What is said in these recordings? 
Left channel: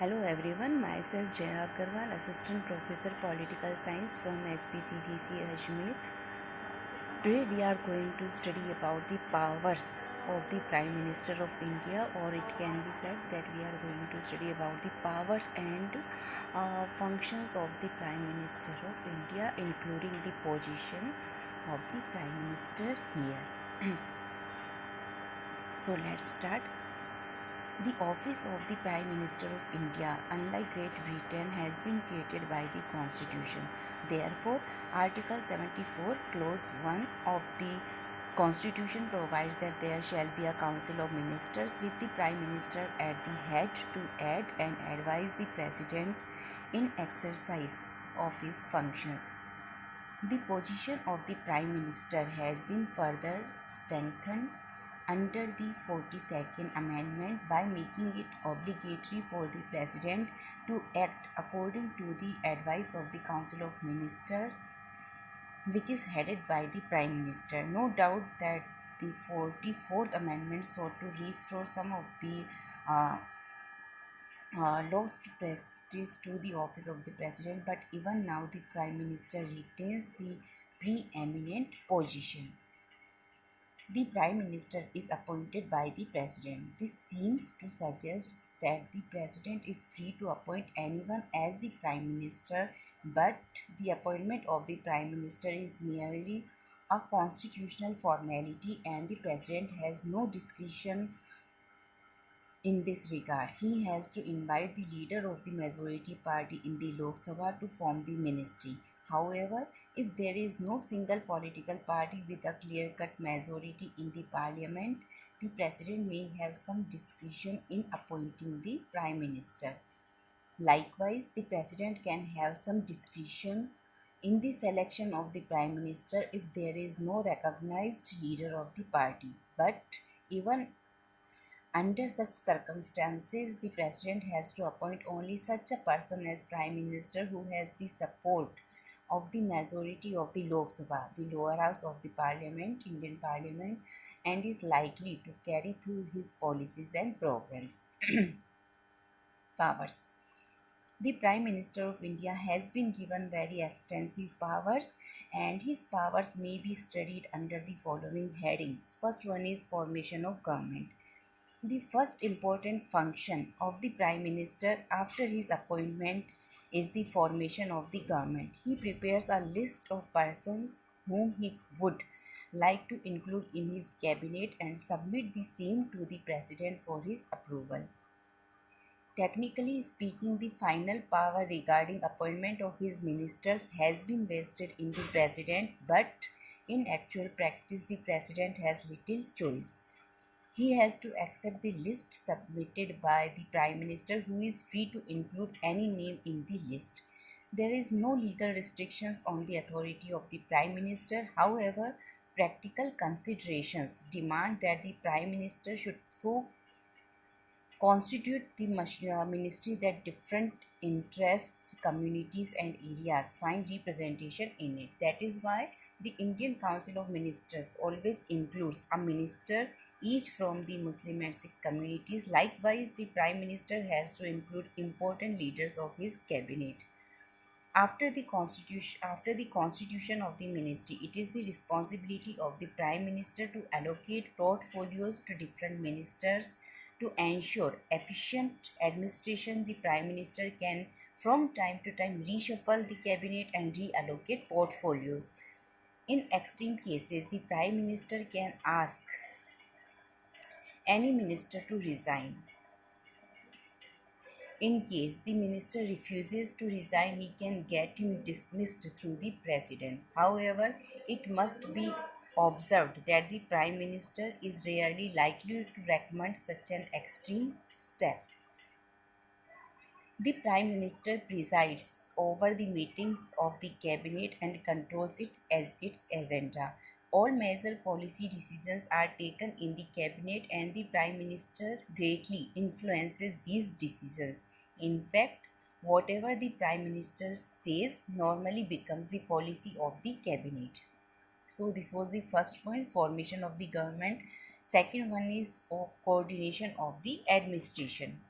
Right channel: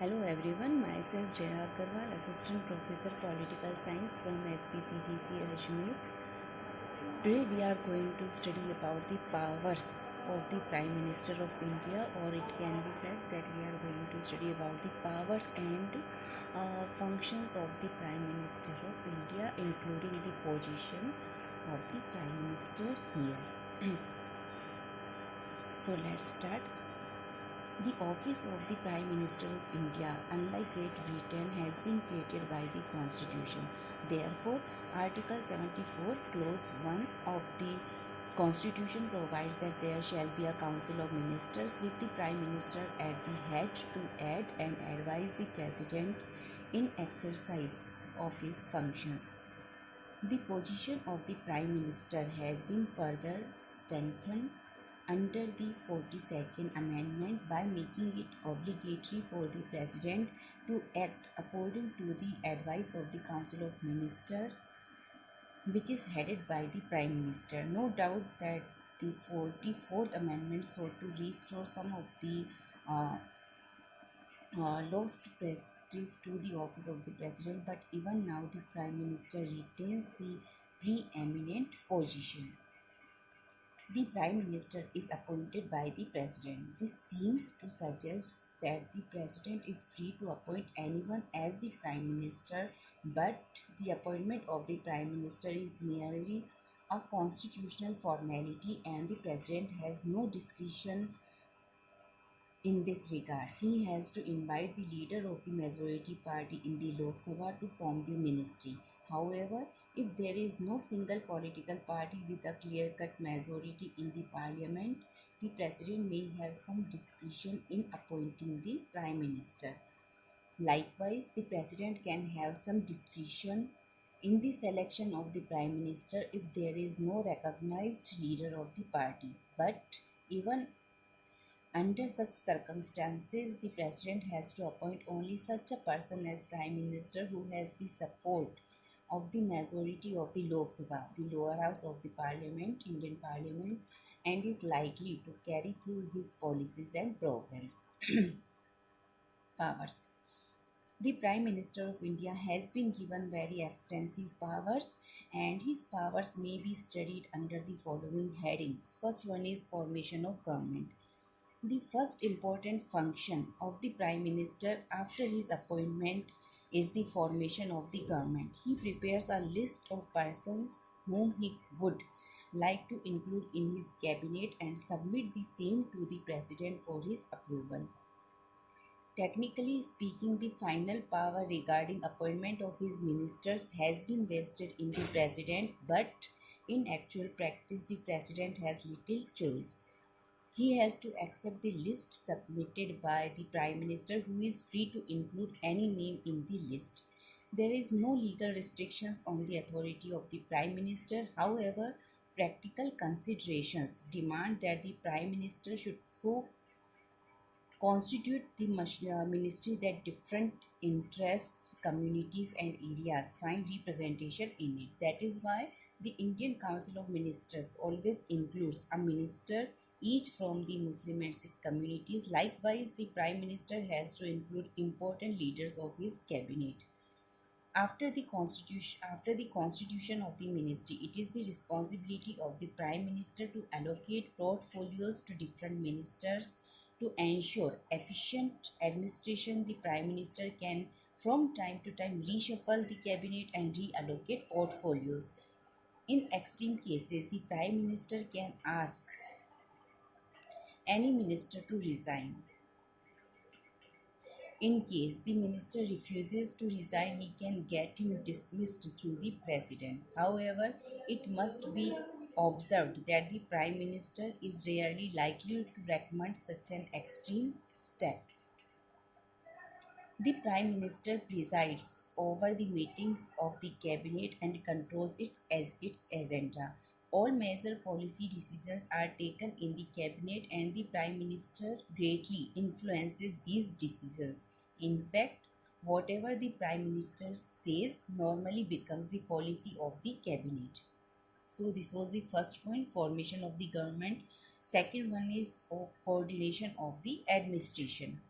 Hello everyone, myself Jaya Agarwal, Assistant Professor Political Science from SPCGC Ajmer. Today we are going to study about the powers of the Prime Minister of India, or it can be said that we are going to study about the powers and functions of the Prime Minister of India, including the position of the Prime Minister here. So let's start. The office of the Prime Minister of India, unlike Great Britain, has been created by the Constitution. Therefore, Article 74, Clause 1 of the Constitution provides that there shall be a Council of Ministers with the Prime Minister at the head to aid and advise the President in exercise of his functions. The position of the Prime Minister has been further strengthened under the 42nd Amendment by making it obligatory for the President to act according to the advice of the Council of Ministers, which is headed by the Prime Minister. No doubt that the 44th Amendment sought to restore some of the lost prestige to the office of the President, but even now the Prime Minister retains the preeminent position. The Prime Minister is appointed by the President. This seems to suggest that the President is free to appoint anyone as the Prime Minister, but the appointment of the Prime Minister is merely a constitutional formality and the President has no discretion in this regard. He has to invite the leader of the majority party in the Lok Sabha to form the ministry. However, if there is no single political party with a clear-cut majority in the parliament, the president may have some discretion in appointing the prime minister. Likewise, the president can have some discretion in the selection of the prime minister if there is no recognized leader of the party. But even under such circumstances, the president has to appoint only such a person as prime minister who has the support of the majority of the Lok Sabha, the lower house of the parliament, Indian parliament, and is likely to carry through his policies and programs. Powers. The Prime Minister of India has been given very extensive powers, and his powers may be studied under the following headings. First one is formation of government. The first important function of the Prime Minister after his appointment is the formation of the government. He prepares a list of persons whom he would like to include in his cabinet and submit the same to the President for his approval. Technically speaking, the final power regarding appointment of his ministers has been vested in the President, but in actual practice, the President has little choice. He has to accept the list submitted by the Prime Minister, who is free to include any name in the list. There is no legal restrictions on the authority of the Prime Minister. However, practical considerations demand that the Prime Minister should so constitute the ministry that different interests, communities, and areas find representation in it. That is why the Indian Council of Ministers always includes a minister each from the Muslim and Sikh communities. Likewise, the Prime Minister has to include important leaders of his cabinet. After the constitution of the ministry, it is the responsibility of the Prime Minister to allocate portfolios to different ministers. To ensure efficient administration, the Prime Minister can from time to time reshuffle the cabinet and reallocate portfolios. In extreme cases, the Prime Minister can ask any minister to resign. In case the minister refuses to resign, he can get him dismissed through the president. However, it must be observed that the prime minister is rarely likely to recommend such an extreme step. The prime minister presides over the meetings of the cabinet and controls it as its agenda. All major policy decisions are taken in the cabinet and the prime minister greatly influences these decisions. In fact, whatever the prime minister says normally becomes the policy of the cabinet. So this was the first point, formation of the government. Second one is coordination of the administration.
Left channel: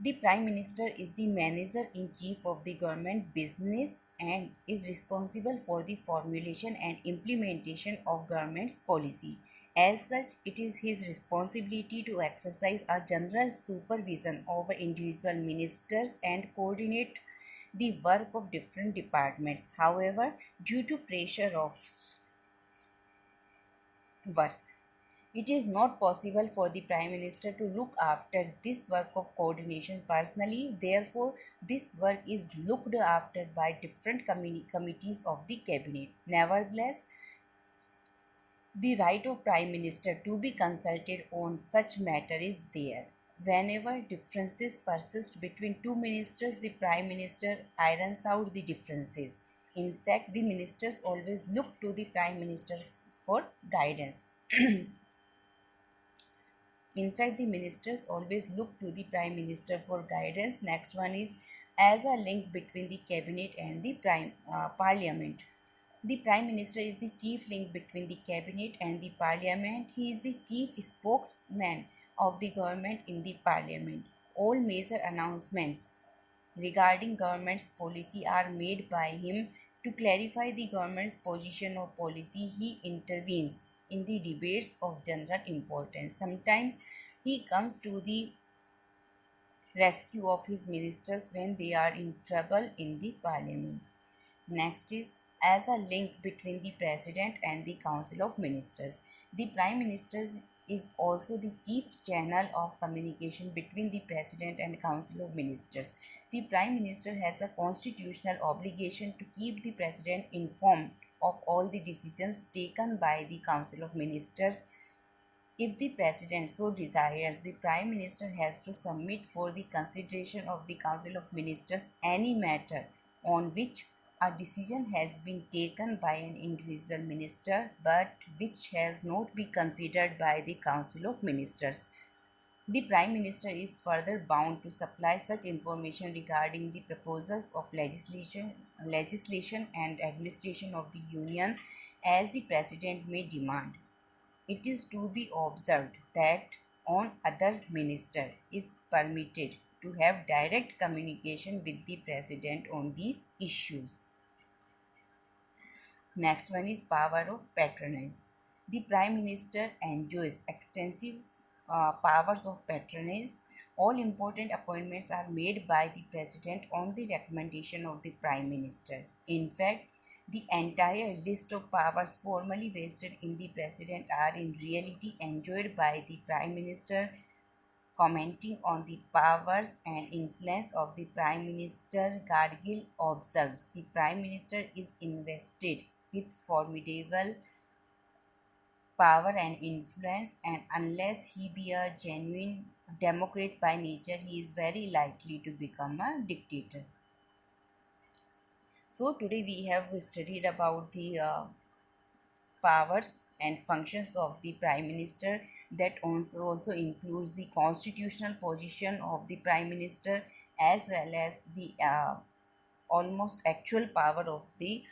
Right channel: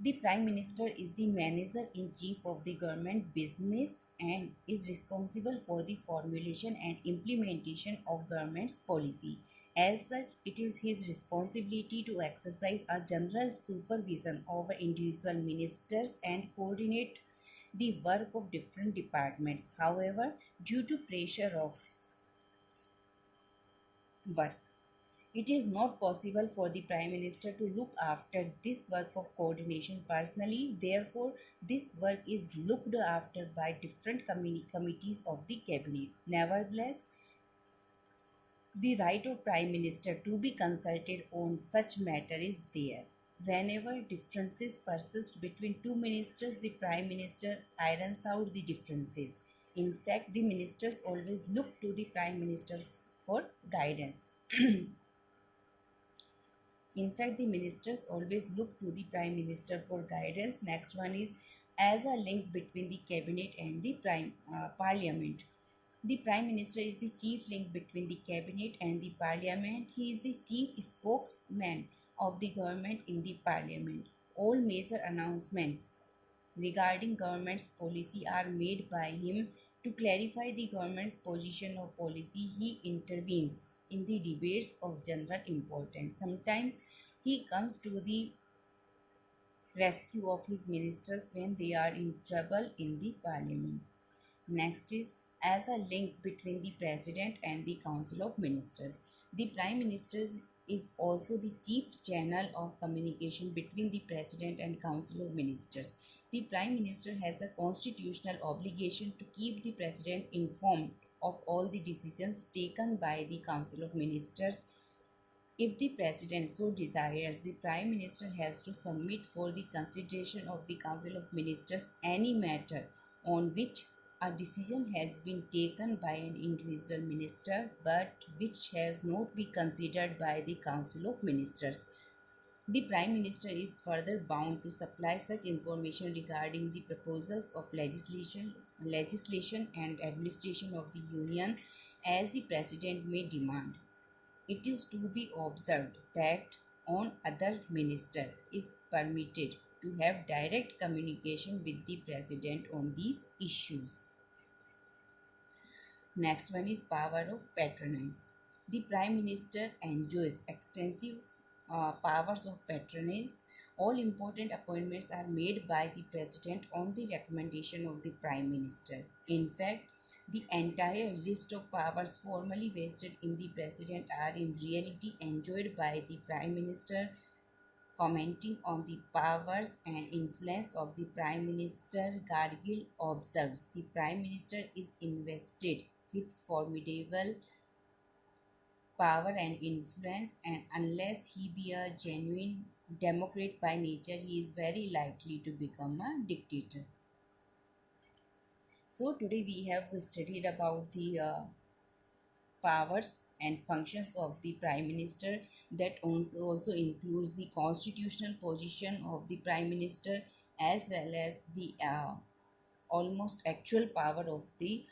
The Prime Minister is the manager in chief of the government business and is responsible for the formulation and implementation of government's policy. As such, it is his responsibility to exercise a general supervision over individual ministers and coordinate the work of different departments. However, due to pressure of work, it is not possible for the Prime Minister to look after this work of coordination personally. Therefore, this work is looked after by different committees of the cabinet. Nevertheless, the right of Prime Minister to be consulted on such matter is there. Whenever differences persist between two ministers, the Prime Minister irons out the differences. In fact, the ministers always look to the Prime Ministers for guidance. In fact, the ministers always look to the Prime Minister for guidance. Next one is as a link between the cabinet and the parliament. The Prime Minister is the chief link between the cabinet and the parliament. He is the chief spokesman of the government in the parliament. All major announcements regarding government's policy are made by him. To clarify the government's position or policy, he intervenes in the debates of general importance. Sometimes he comes to the rescue of his ministers when they are in trouble in the parliament. Next is as a link between the President and the Council of Ministers. The Prime Minister is also the chief channel of communication between the President and Council of Ministers. The Prime Minister has a constitutional obligation to keep the President informed of all the decisions taken by the Council of Ministers. If the President so desires, the Prime Minister has to submit for the consideration of the Council of Ministers any matter on which a decision has been taken by an individual minister but which has not been considered by the Council of Ministers. The Prime Minister is further bound to supply such information regarding the proposals of legislation and administration of the Union as the President may demand. It is to be observed that on other minister is permitted to have direct communication with the President on these issues. Next one is power of patronage. The Prime Minister enjoys extensive powers of patronage. All important appointments are made by the President on the recommendation of the Prime Minister. In fact, the entire list of powers formerly vested in the President are in reality enjoyed by the Prime Minister. Commenting on the powers and influence of the Prime Minister, Gargill observes the Prime Minister is invested with formidable power and influence, and unless he be a genuine democrat by nature, he is very likely to become a dictator. So today we have studied about the powers and functions of the Prime Minister. That also includes the constitutional position of the Prime Minister as well as the almost actual power of the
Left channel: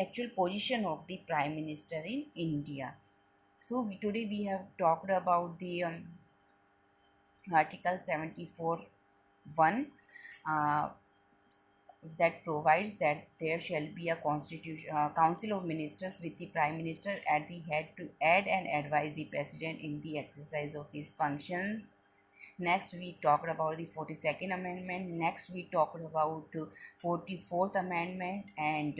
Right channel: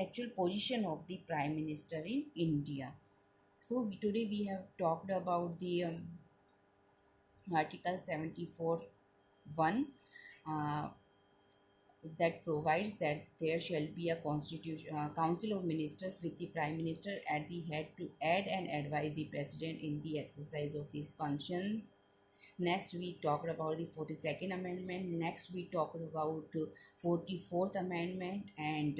actual position of the Prime Minister in India. So today we have talked about the Article 74 1 uh, that provides that there shall be a constitution council of ministers with the Prime Minister at the head to aid and advise the President in the exercise of his functions. Next we talked about the 42nd amendment. Next we talked about 44th amendment and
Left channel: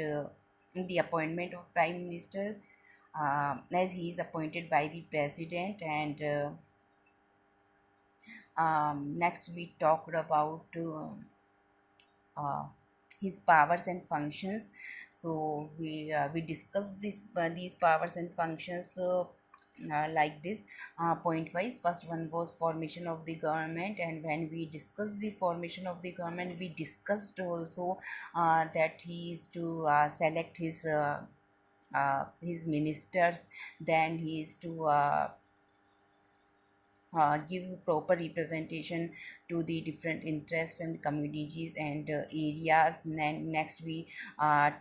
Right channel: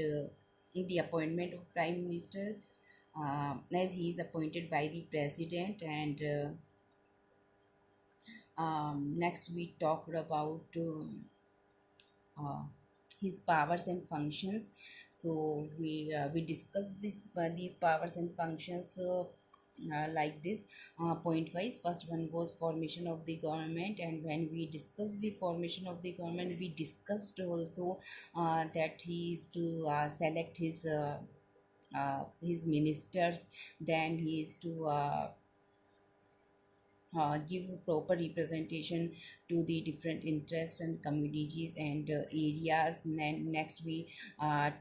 the appointment of Prime Minister as he is appointed by the President. And next we talked about uh, his powers and functions. So we discussed these powers and functions like this point wise. First one was formation of the government, and when we discussed the formation of the government, we discussed also that he is to select his ministers. Then he is to give proper representation to the different interests and communities and areas. Next, we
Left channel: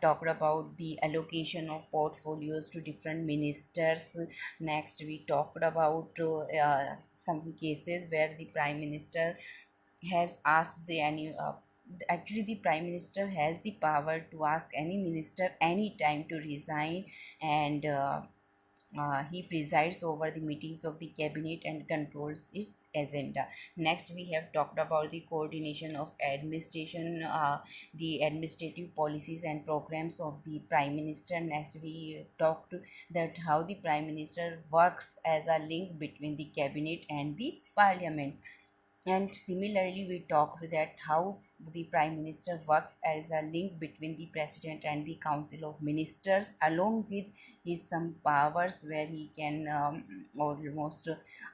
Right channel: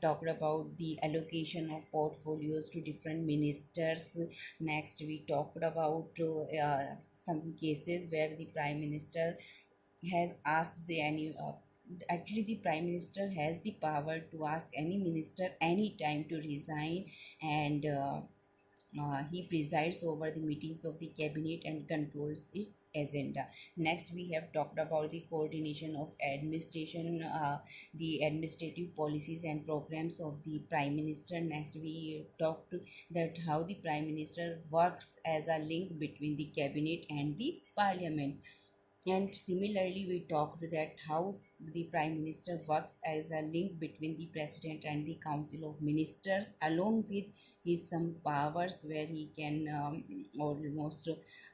talked about the allocation of portfolios to different ministers. Next, we talked about some cases where the prime minister has asked the any actually the prime minister has the power to ask any minister anytime to resign, and he presides over the meetings of the cabinet and controls its agenda. Next, we have talked about the coordination of administration, the administrative policies and programs of the prime minister. Next, we talked that how the prime minister works as a link between the cabinet and the parliament. And similarly, we talked that how the prime minister works as a link between the president and the council of ministers, along with his some powers where he can almost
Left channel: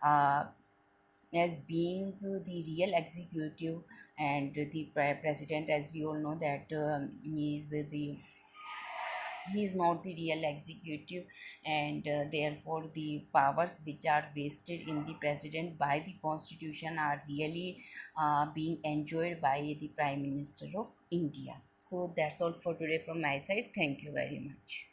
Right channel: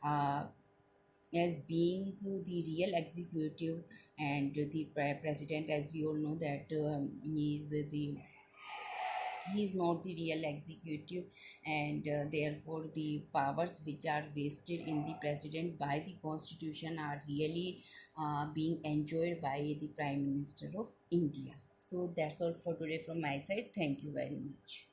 as being the real executive, and the president, as we all know that he is not the real executive, and therefore the powers which are vested in the president by the constitution are really being enjoyed by the prime minister of India. So that's all for today from my side. Thank you very much.